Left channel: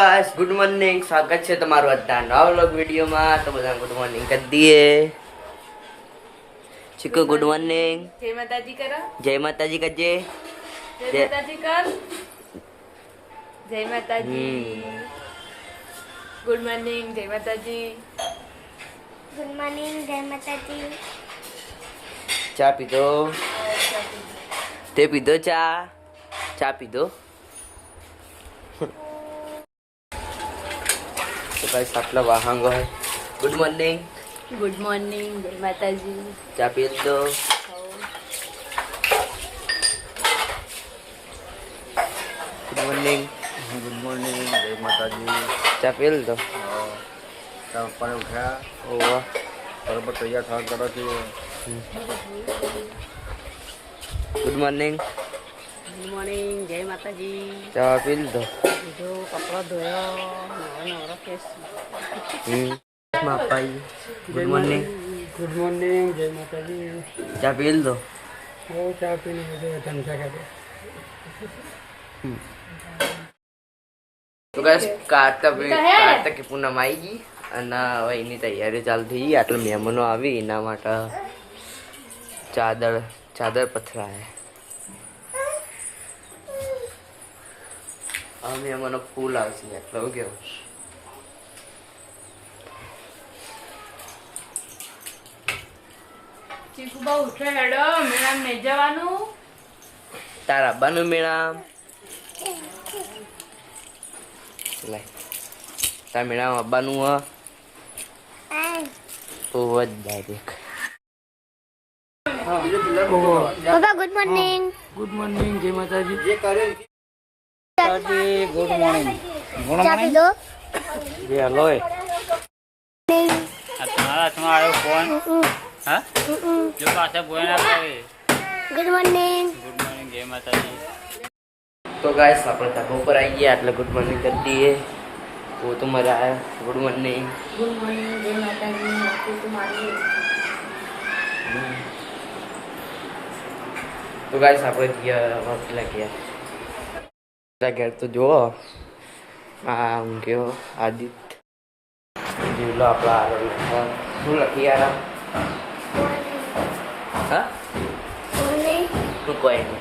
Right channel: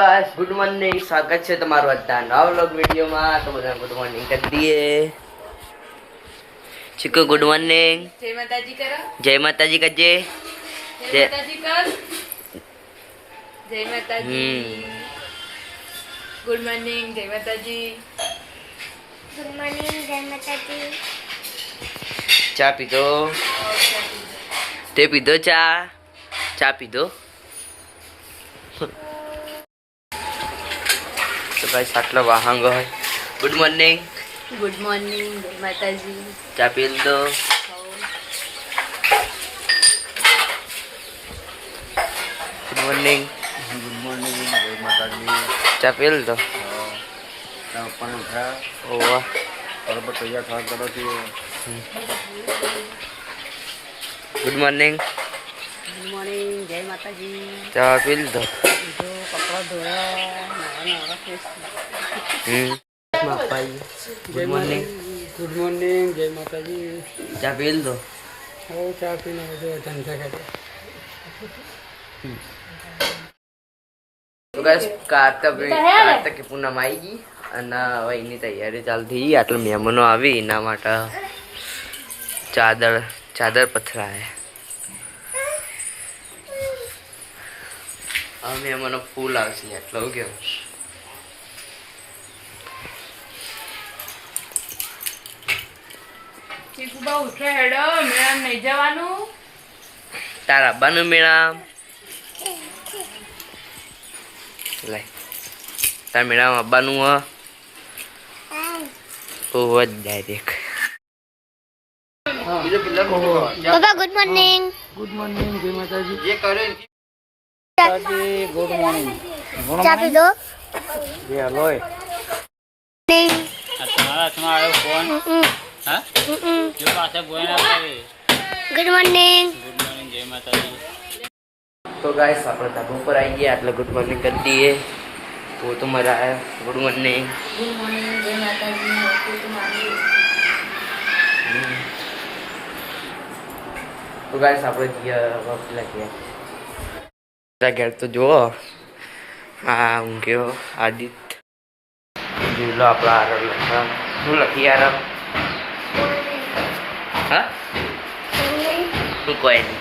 Guys good morning स्वागत है તમારું અત્યારે નવા વ્લોગ વિડિયોમાં તો બધા ગુડ મોર્નિંગ કરી દઈએ ચીકુ ગુડ મોર્નિંગ જય માતાજી કરો જય માતાજી કજે જય માતાજી કર જય માતાજી ગુડ મોર્નિંગ જય માતાજી गुड मॉर्निंग जय माता दी ચા પીધો તે પીધો ચા પીધો તો ગાઈસ આટલા વાહંગ હોય ગુડ મોર્નિંગ જય માતાજી ચા પી લીધો ગુડ મોર્નિંગ जय माता दी। ચા પી લીધો पानी उठा ઓ વાહ और तैयार था करो कि ગુડ મોર્નિંગ જય માતાજી ચા પી લીધો જો કપડા ધોયા નવા ફેસ માપાઈ ગુડ મોર્નિંગ गुड मॉर्निंग जय माता जी ચા પી લીધો वो चाय पीने में जो धंधा कर તો ગાઈસ કારતક પૂનમ આવી ગઈ અને હવે એની તૈયારી ચાલતી આટલા મહેમાનો આવી એના માટે ચાદર પથરાય હવે મહેમાનો ફૂલ આવશે એટલો કેવું ચીકુબા ઉઠ્યા હેડો મેળામ નહીં જવાનું તારા બાનું મેળા લાય તાર મેળામાં આવવાનું હ ઓહ ડાયરેક્ટ पापा गुड मॉर्निंग गुड मॉर्निंग जय माता जी गुड मॉर्निंग चाय पी लो ये हेलो तुम्हारा आयो फोन हाँ जो पास बोल रहा है गुड मॉर्निंग गुड मॉर्निंग जय माता दी तो गाइस આપણે ધાબા ઉપર આવી ગયા એટલે ગુડ મોર્નિંગ કરી દઈએ वो तो मरा है गुड मॉर्निंग ગુડ મોર્નિંગ જય માતાજી તમારી તો ગાઈસ આપણે પેલા ગયા ઘેર તો જુઓ હા હું ગયો આદિત્ય જોઈ લો આપણા આરામ લખા શું લખી આરામ હા શું કોઈ નહીં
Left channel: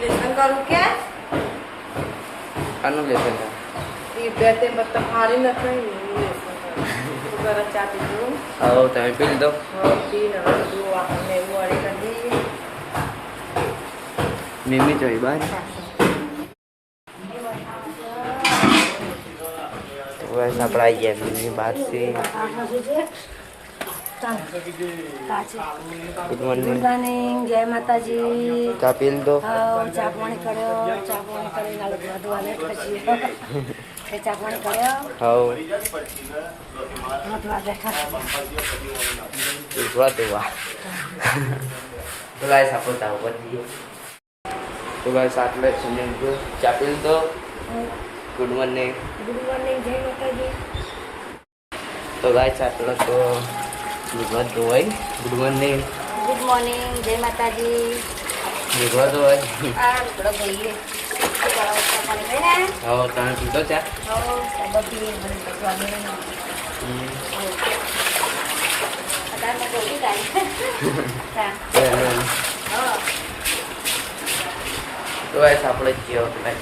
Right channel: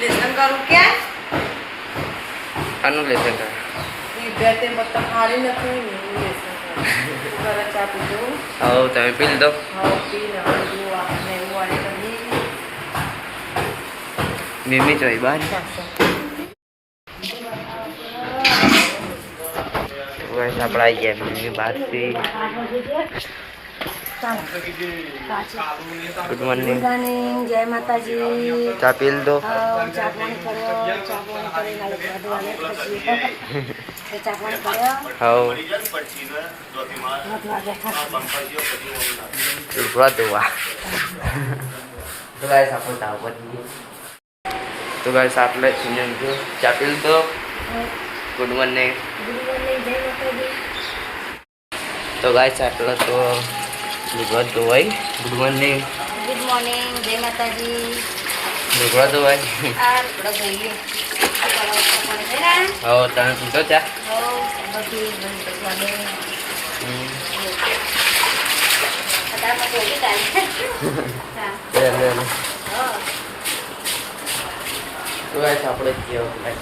લેસન કરું કે આનું લેસન કર ઈ બે તે મત હારી નથી લેસન કર ચા પીધું આવો તમે પી લીધો હા પી ને બધું આપણને એવું વાળી કરી મીમી જોઈ બાર गाइस આપણે આવી ગયા મીમી બહારથી ગુડ મોર્નિંગ જય માતાજી ચા પી લીધો ચા પાણી કર્યો ચા પાણી કરી નાલે બધું પછી ચા પાણી કર્યો હાઉ હાથ વાગે પૂરા દુઆ તો ગાઈસ આપણે તાવ પડી તો ગાઈસ આપણે સુનન જો ચા પી લીધો ગુડ મોર્નિંગ ગુડ મોર્નિંગ જય માતાજી તો ગાઈસ આટલો તો લુગડા ધોવાઈ ગુડ મોર્નિંગ જય માતાજી લુગડા ધોવાઈ આ બડો ગઈએ પાણી થઈ ને હવે તમે પીધો ચા હો બધી બંધ કરવાની અદામાં બોલી કાઢી લે તો ગાઈસ આપણે જેવો પેલા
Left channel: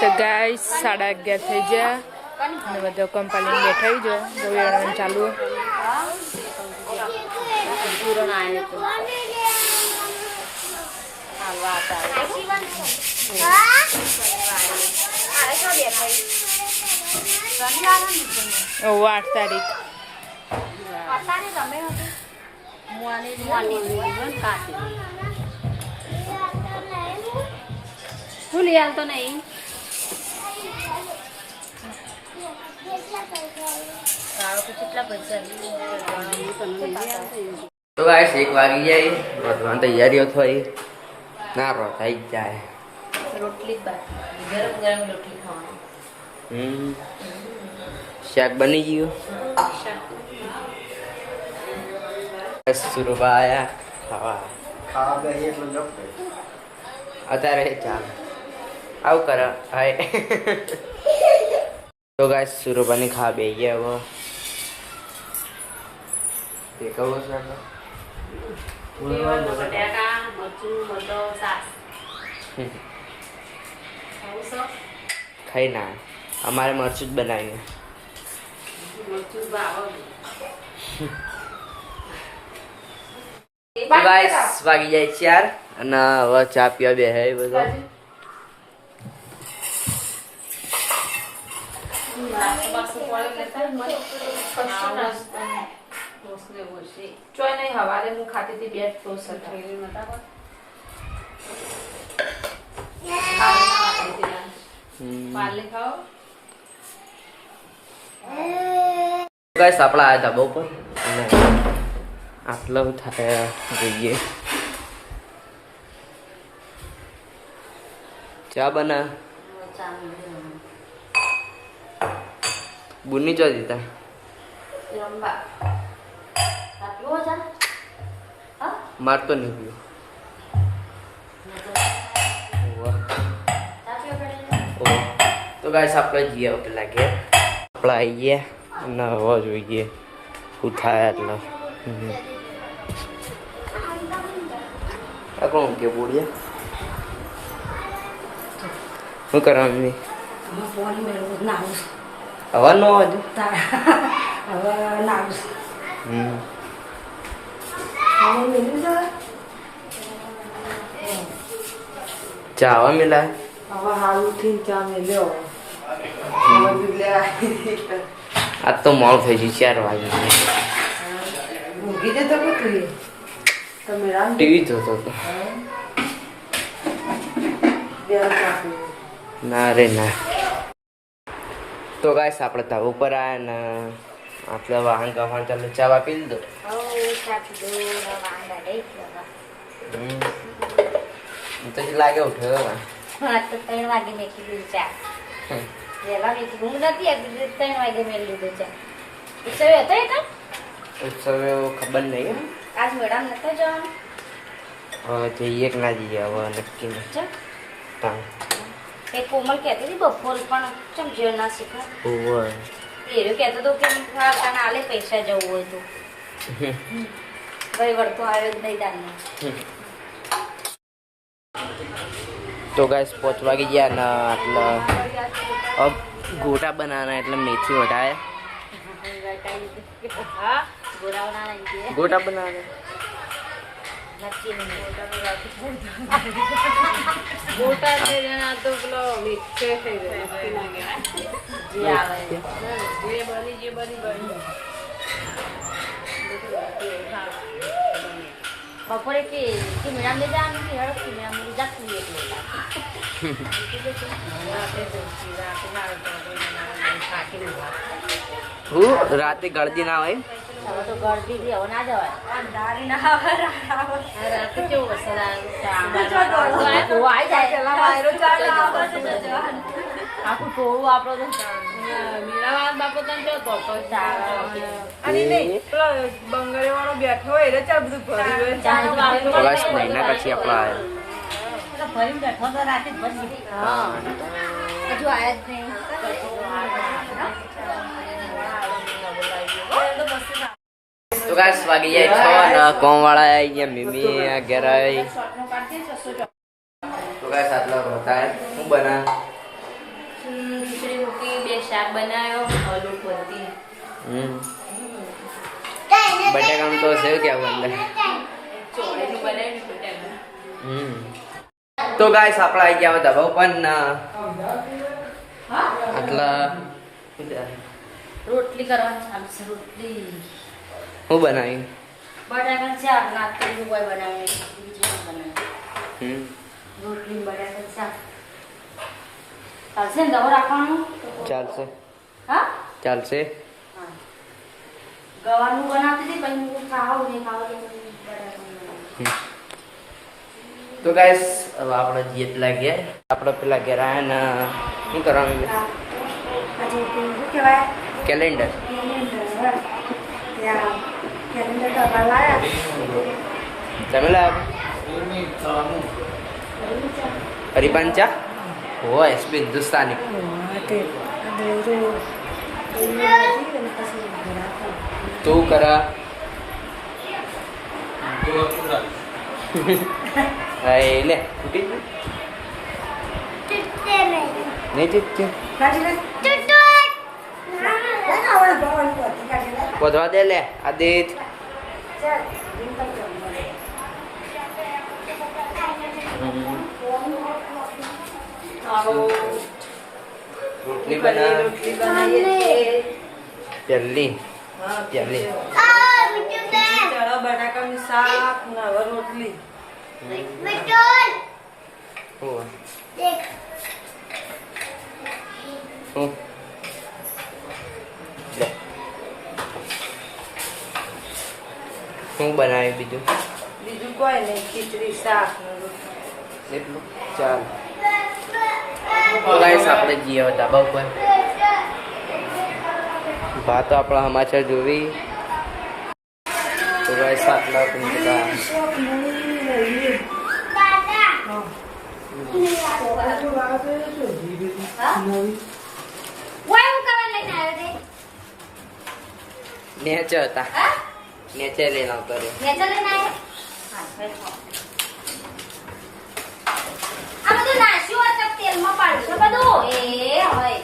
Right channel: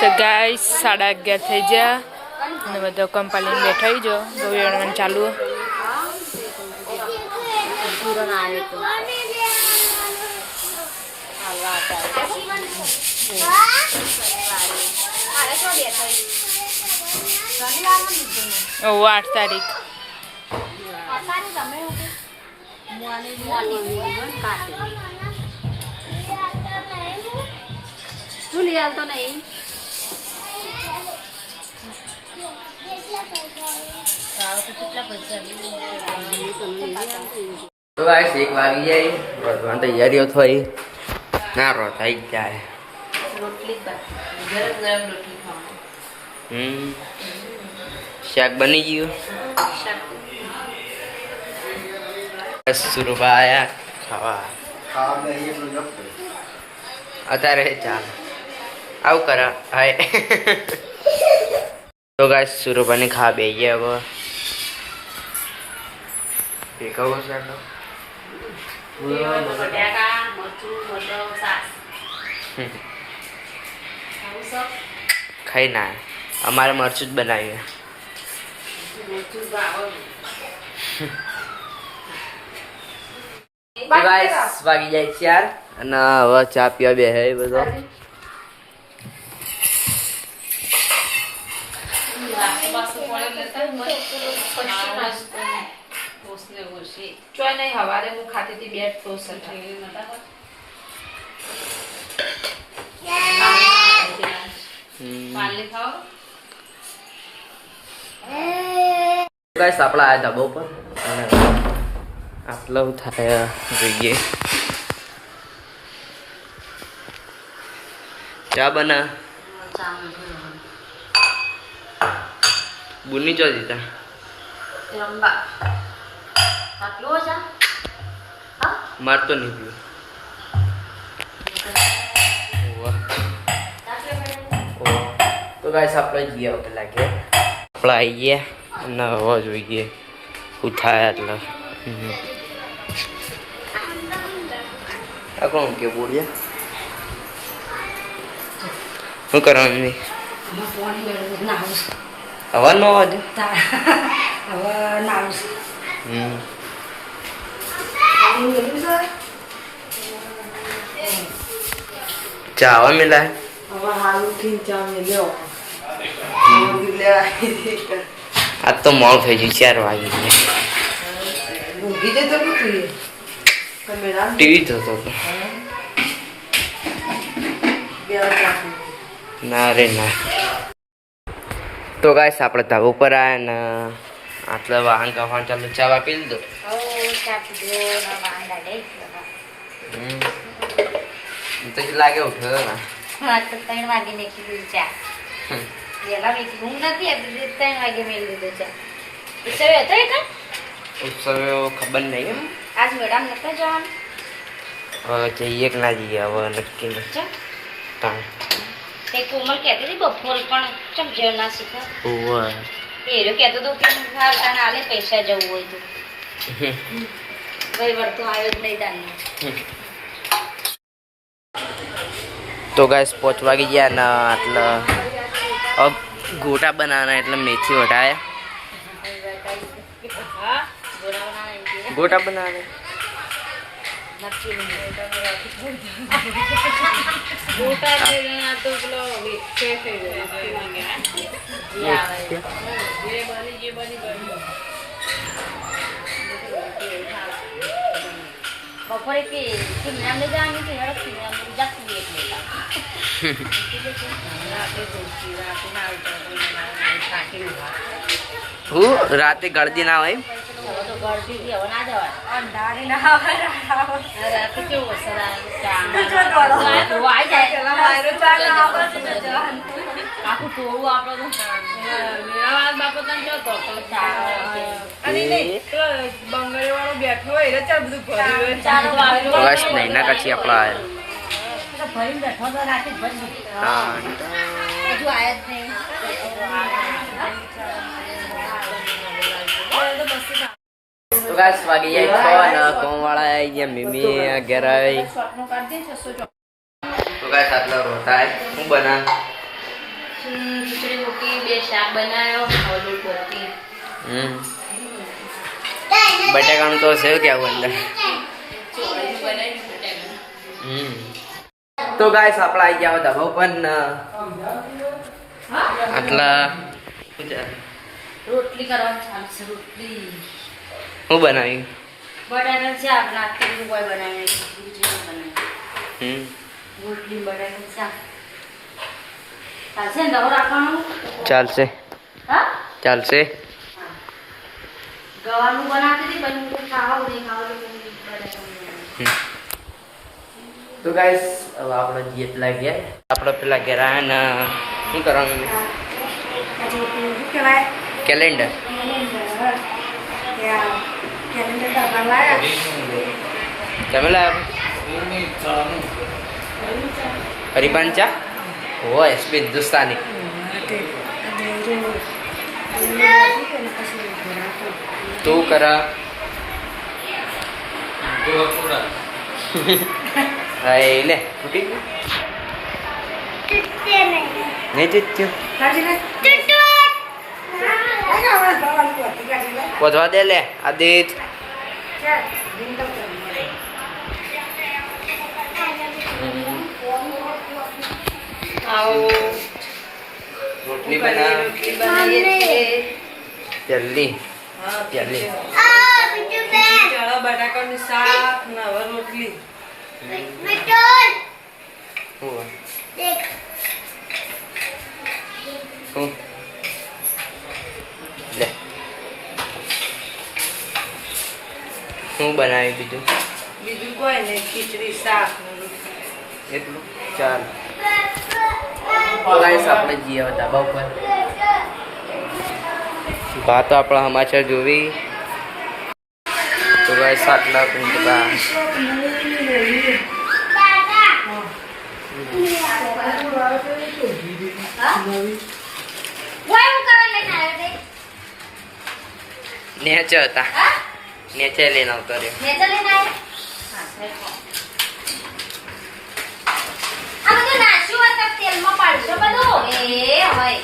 તો ગાઈસ 11:30 થઈ ગયા અને બધો કંપાલી બેઠા જો ગોળણ ચાલુ પૂરણ આવે તો હાલવા ઓ 8 તારીખ હું લઈ આવતો નહીં તો ગાઈસ 1 વાગી જાય ભગવાન તૈયારીઓ થઈ ના રો થઈ જાય રોટલી ગરમ ગરમ રોટલી ખાવાની શાક બની ગયું સુરભા આયા ખાવા खावा में एक लोग અત્યારે ચાલ આવું કરા હાય તો ગાઈસ સુરપાની ખા બે ગયા હવે દેખાવો છે ખાઈ ના અમારે મરચું જ બનાવ્યું ગાઈસ વાગી જાય 4 અને હવે ચા પીવા બે હે બધો ચોય નહીં હવારે હું ખાતી હતી બે ટોસ ગાઈસ આપણા આયા ધાબા ઉપર અને આટલા થાય જોઈએ ચા બના બુની ચો દીધા મારતો નહીં પીવું તો ગાઈસ આપણે જઈએ પેલા ઘેર આપણે આવીએ અને હવે જોઈએ શું થાય એટલે આ કોણ કે બોલ્યા શું કરવાનું હવા નો અવાજ ચા હવા મિલાય આજ તો મોડું થઈ ગયું 4 વાગી ટીવી જોતો હતો ના રે ના તો ગાઈસ આપણે ધાબા ઉપર આવ્યા ને આટલા વાહન કફાણ ચાલુ ચા પી લીધો તો લાગે ઉઠ્યો ને 3 વાગે નીકળી ગયું ચા વેલા મેકી હું નથી 3 વાગે મેળ લીધો ચા ઉત્સવ હતો એ કાં ઉત્સવે ખબર નહીં આજ મેડમ નતા જવાનું હવે જઈએ કે ના જઈએ હવે નક્કી નથી તે કોમલ કહેતી હતી બપોર પણ ચમ જેવ ના શીખે એ જો કહેતો તો કે ખાતા ના આલે પૈસા જવું હોય તો કોઈ વળતો આવ્યો જ નહીં તાને તો ગાઈસ 5 વાગી ગયા ને આટલા अब गोटा बनाना है એટલે મેથી વટાયા गोटा बनाना है ગોટા છે આ તો પેલો વિક્ષે થઈ ગયો જે બની બપોરે કે કિમરામ લઈ જવાની કે હેડો કિમરામ લઈ જાતી હું રાતે ગળદી ના હોય તો ગળદી થી હવે ના જવાય રાતે કેવું વરસાદ આખું ટોળું આપડે મીરાવાળા બાપો તને જોતો અને નહીં પેલો બંગરે વાળો બેઠો હોય એટલે ચાલ બધું ભર્યું હોય બસ નહીં ના કચ્છી આપણા આયા ભરી બેઠો તો રાતે ભરી હજુ આયા જ નહીં તો ગાઈસ વાગી જાય 6 અને કોમ વાળા આવી ગયા મીમી ઘેર આવી તો ગાઈસ આટલા રોતા હે હું બના ખીચડી રોટી 2 શાક બનાવ્યો ઓલું રોટી બટાકાનું તો સેવ કેવું અંદર ચોળી બનાવી બટાકા તો ગાઈસ આપણા આવી ગયા હતા પણ આટલા રોટલી કરવાની ચાલુ છે રોટલી હું બનાવી બટાકા શાક નાખી કોઈ બનાવી ખીચડી બનાવી રોટલી બટાકા શાક ચાલશે ને દવો રાખવાનું ચાલશે હા ચાલશે ગવાનું બનાવતી હતી પણ હું ખાવ નહીં ખાવ તો ગાઈસ હવે આપણે જેટલા ગયા આપણે પેલા ઘેર આવ્યા ને શું કરવાનું કેલેન્ડર તમે લાવ્યા હરિપાન ચા હો એસપી હિન્દુસ્તાની તું કરા હા લે ફૂટી ગયું નહીં જીત્યું વધવા દે લે આદિત રોટલી બના જલ્દી જલ્દી ચણા બટાકાનું શાક ને હવે રોટલી હું હું લે શું બનાવ્યું બીજું બીજું કોઈ નહીં ખીચડી શાક ને રોટલી એટલું ચાલ ગાઈસ આપણે જઈએ હતા બપોર ભાતો આપણા સમાચાર જોવી તો ગાઈસ આટલા પિંડકા નેચે હતા નેચે લઈને આવતો રહ્યો તેલમાં પાડશો બધું એ હવે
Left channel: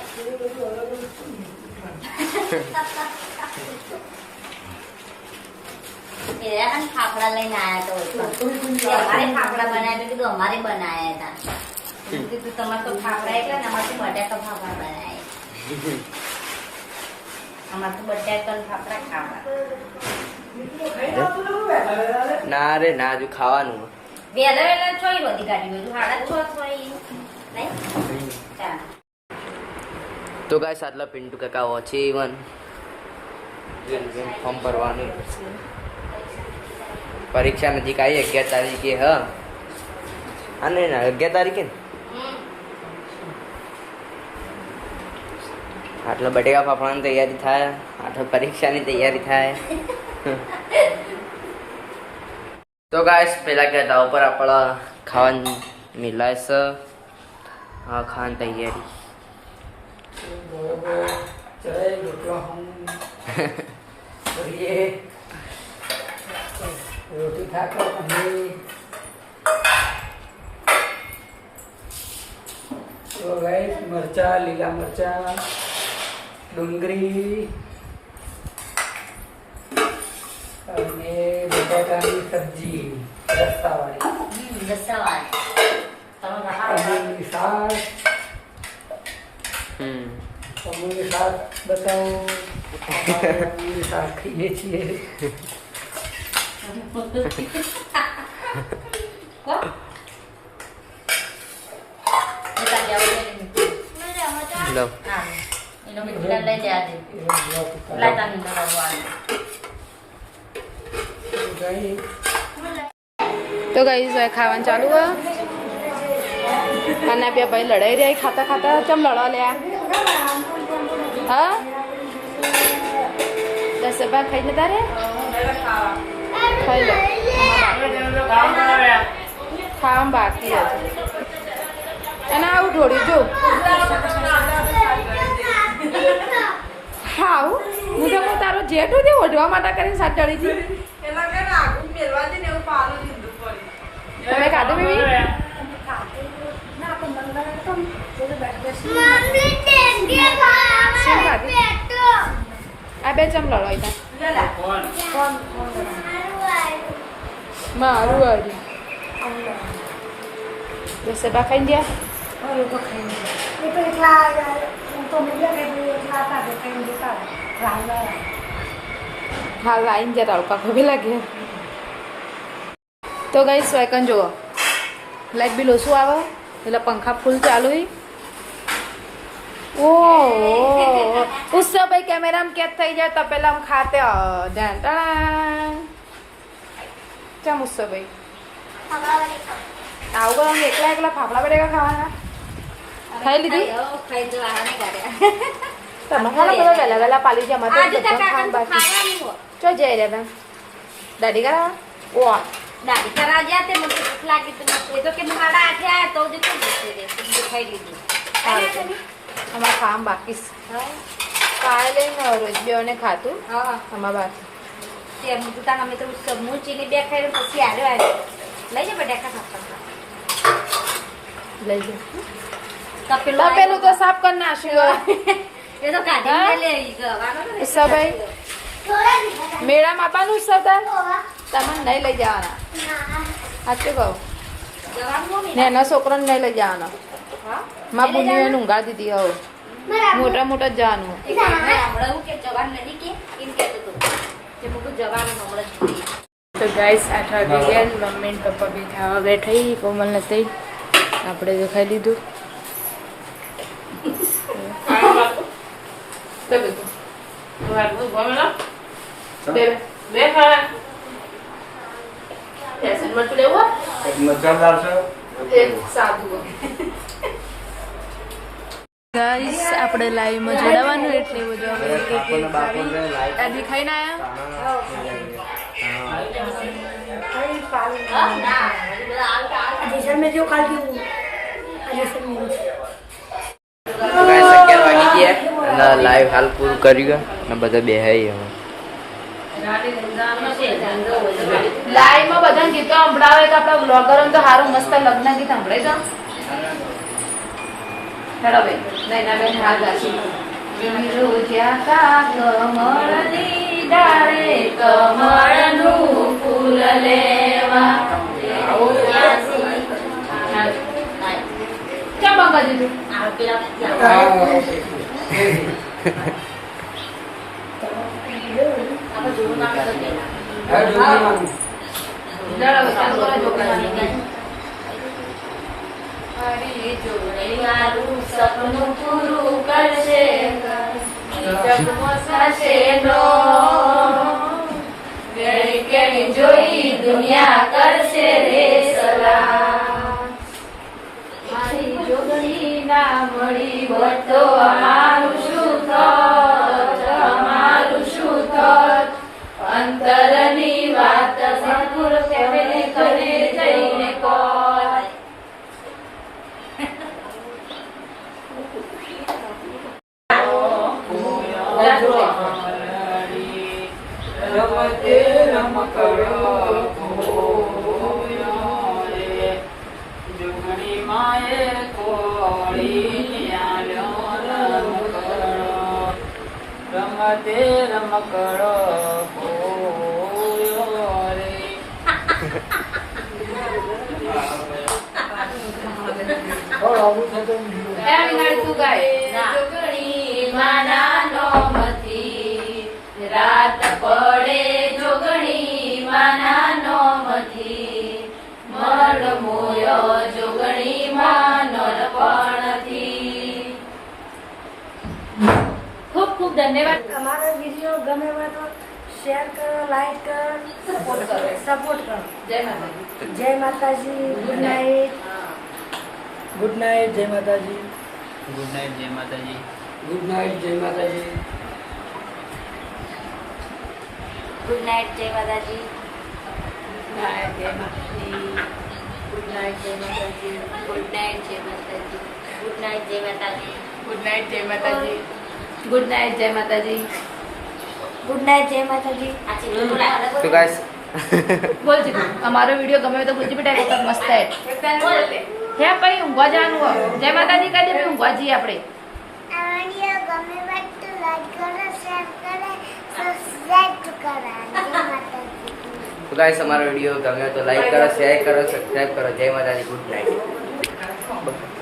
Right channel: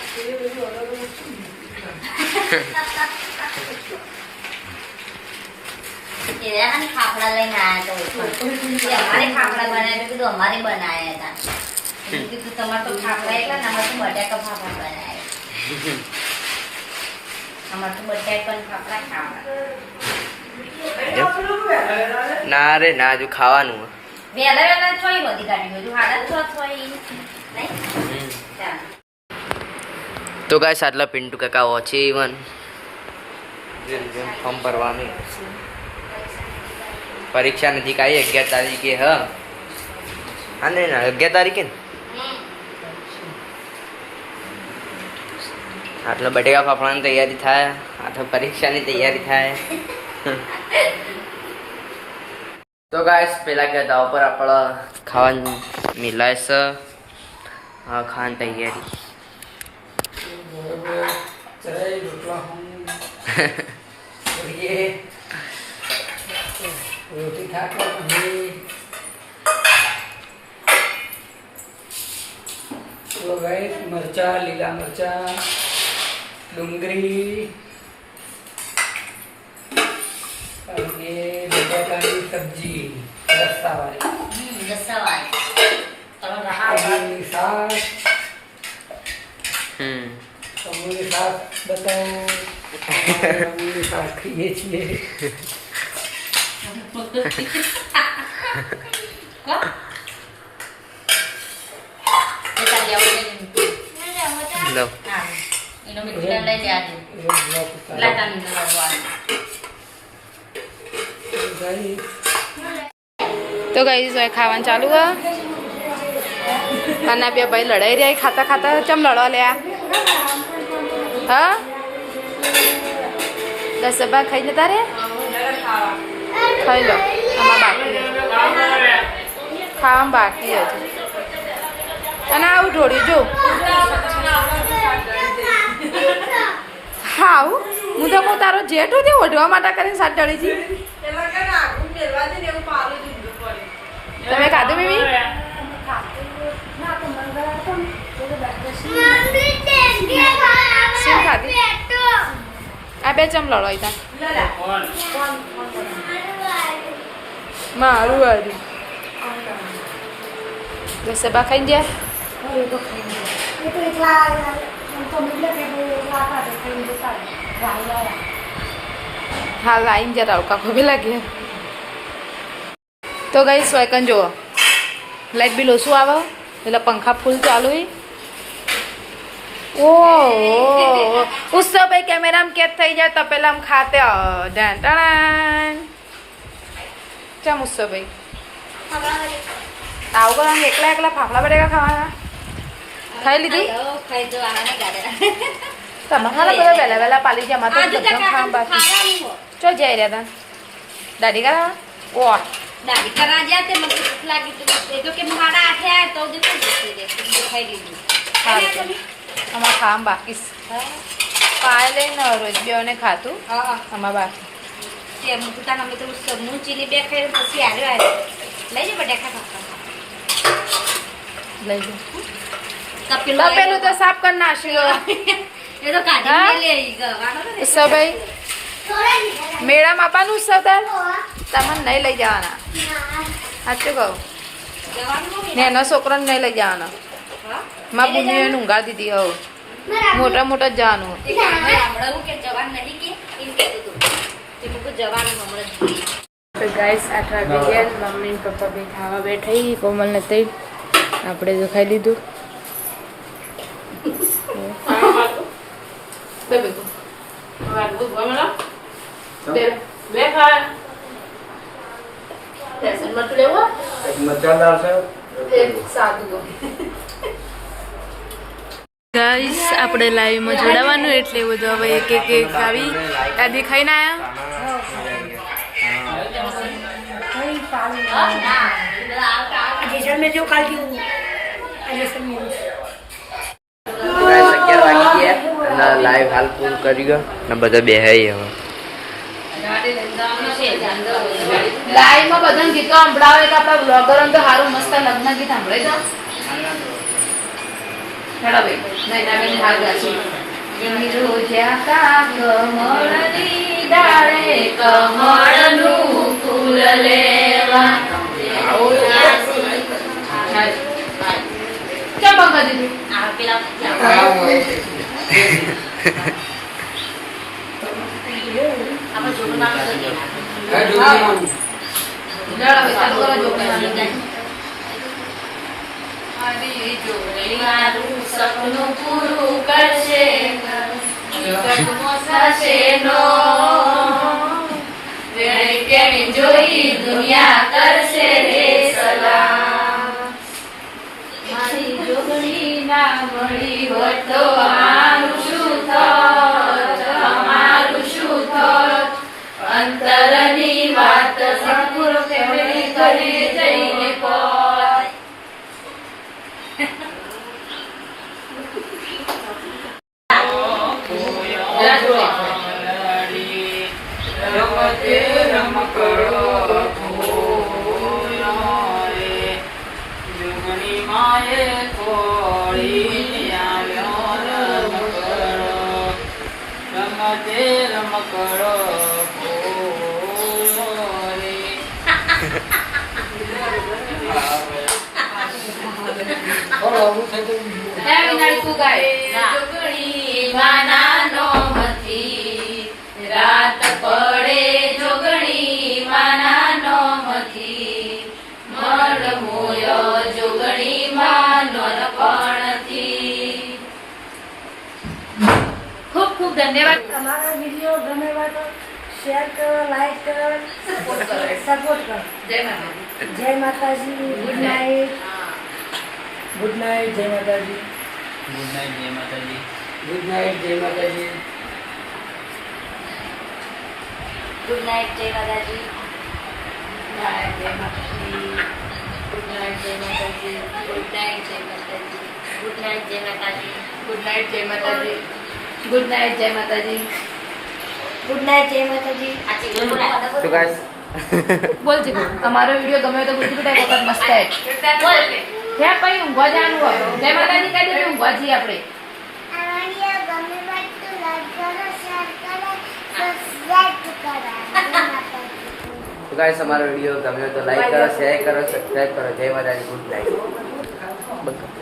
ખાખડા લઈને આવ્યા તો અમારે ખાખડા બનાવ્યા તો કીધું અમારે બનાવ્યા હતા કીધું તમારે તો ખાખડા એટલા ને અમારે તો બટાકા ફાફડા બનાવ્યા અમારે તો બટાકા ફાફડા ખાવા ના રે ના હજુ ખાવાનું વેલા વેલા છોઈ બધી ગાડી બધું હાડા છ છોઈ નહીં ચાલ તો ગાઈસ આટલા પિન્ટુ કાકા ઓછી ઇવન ફોર્મ ભરવાની પરીક્ષા નજીક આવી 11 તારીખે હ હા ને 11 તારીખે ને આટલા બટેકા ફાફડાની તૈયારી થાય આટલા પરીક્ષાની તૈયારી થાય તો ગાઈસ પેલા કહેતા ઉપર આપણે ખાવાનું મિલાય છે હા ખાવાની તૈયારી ચાય રોટલા રોટી ખાતો તો ગાઈસ મરચા લીલા મરચા ડુંગળી અને બટાકાની સબ્જી રસ્તાવાળી પનીરની શાક પનીરની શાક બતાવો પનીરની શાક ખાઈએ છીએ લો તો ગઈ ખાવાનું ચાલુ હા અને બે ભાઈ લડાઈ રહ્યા ખાતા ખાતા ચમ લડવા લ્યા હા 10 ભાગ ખાઈ જતા રે ખાઈ લો આમાં બાકી ખાવામાં બાકી હજુ અને આવું ઢોળી જો હા હું તો કહું તારો જેઠ તે ઓઢવા માટે કરીને સાત ચડી છે તમે ખાધું બેબી શું ખાધી આ બે ચમ લડો તા મારું વારી દસે બા ખાઈ ગયા હા લાઈન જતા આવું કાકો બી લાગે તો ગઈ સ્વાયકન જુઓ લાઈટ બિલ ઓછું આવે એટલે પંખા ફૂલ ચાલુ ઓ ઉત્સવ ભાઈ કેમેરામાં કેદ થઈ જાય તો પેલા આમ ખાતે ધ્યાન ટણાન ચમ ઉત્સવ ભાઈ આવું કરો એકલા એકલા ફાફડા બટેકા ખાવાના ખાઈ લીધી તમે ખાલા બધા વહેલા વહેલા પાલી જ્યાં તો બધા ખાવા બાકી ચો જઈ રહ્યા તા દાદી કરાવા ઓ દાદી કરા ગયા તે મને ભૂખ લાગી તો એ તો કે મારા આઠે આયા તો જ ખાઈ લીધું અમારે ખાવા બાકી પાય લઈને રોજ બેને ખાતું અમારે બાકી તેનું પોતાના અમે તો સબનું ચીની બે ખાઈ પછી આવ્યો લઈ જા બટાકા ખાતા લઈ જાઓ તપેલું તો સાફ કરી નાખ્યું એ તો કાઢી લે સભાઈ મેળામાં આપવાનું સતાર તમને નહીં લઈ જવાના સાચું કહું નેનો છોકરાને નહીં લઈ જવાનો માં બુનીને ઊંઘા દીધી હવે મોટા મોટા જ જવાનું તો ગાઈસ 8 વાગે ગયા મમ્મી ને પપ્પા બી ખાવા બેઠા કોમલ ને થઈ આપણે જો ખાઈ લીધું મજાદાર છે ગાઈસ આપણે લાઈવમાં જોડાવાનું એટલે બધું હવે એક એક એક આવી દાદી ખાઈને ગાઈસ 11 વાગી ગયા અને લાઈવ હાલ પૂરું કર્યું અને બધા બેહાઈ હવે લાઈવમાં બધાને ગીતો સંભળાવે કે આપણે બ્લોગર તો સારું મસ્ત લગ્ન ગીત સંભળાય કા હેડો બે નહીં ના બેન હાલ ગાછી રોજ્યા કા કમળની ડાળે કમળનું ફૂલ લેવા ક્યાં બંગા દીધી સપનું પૂરું કરશે કેવી જોઈ દુનિયા કરશે રે સલામ મારી જોગણી ના મળી હોત તો અમારું શું થોત અમારું શું થોત અંતરની વાત સદગુરુ કેવી કરી જઈને કોત રમકડો રાત પડે જોગણી માના નોમથી મળ મોયો જોગણી માં નોનપણથી ખૂબ ખૂબ ધન્યવાદ તમારો વિડીયો ગમે હોય તો શેર કરો, લાઈક કરો, સપોર્ટ કરો. જય માતાજી. જય માતાજી. Good night. ગુડ નાઇટ, જય માતાજી. ગુડ નાઇટ જય માતાજી. ગુડ નાઇટ, જય માતાજી. ગુડ નાઇટ જય માતાજી. જય માતાજી. ગુડ નાઇટ જય માતાજી. ગુડ નાઇટ જય માતાજી. ગુડ નાઇટ જય માતાજી. ગુડ નાઇટ જય માતાજી. ગુડ નાઇટ જય માતાજી. ગુડ નાઇટ, જય માતાજી. આછી બોલ તો ગાઈસ બોલ જીતુ તમારો વિડીયો ગમે તો ગુજી બેટા એક વખત મસ્ત હે બોલ હે ભાઈ ઊંઘવા જવાનું હવે જય માતાજી કહી દે ઊંઘવા જઈએ આપણે તો ગાઈસ અમારો વિડીયો ગમ્યો તો લાઈક કરો, શેર કરો, સબસ્ક્રાઇબ કરો. જય માતાજી. Good night.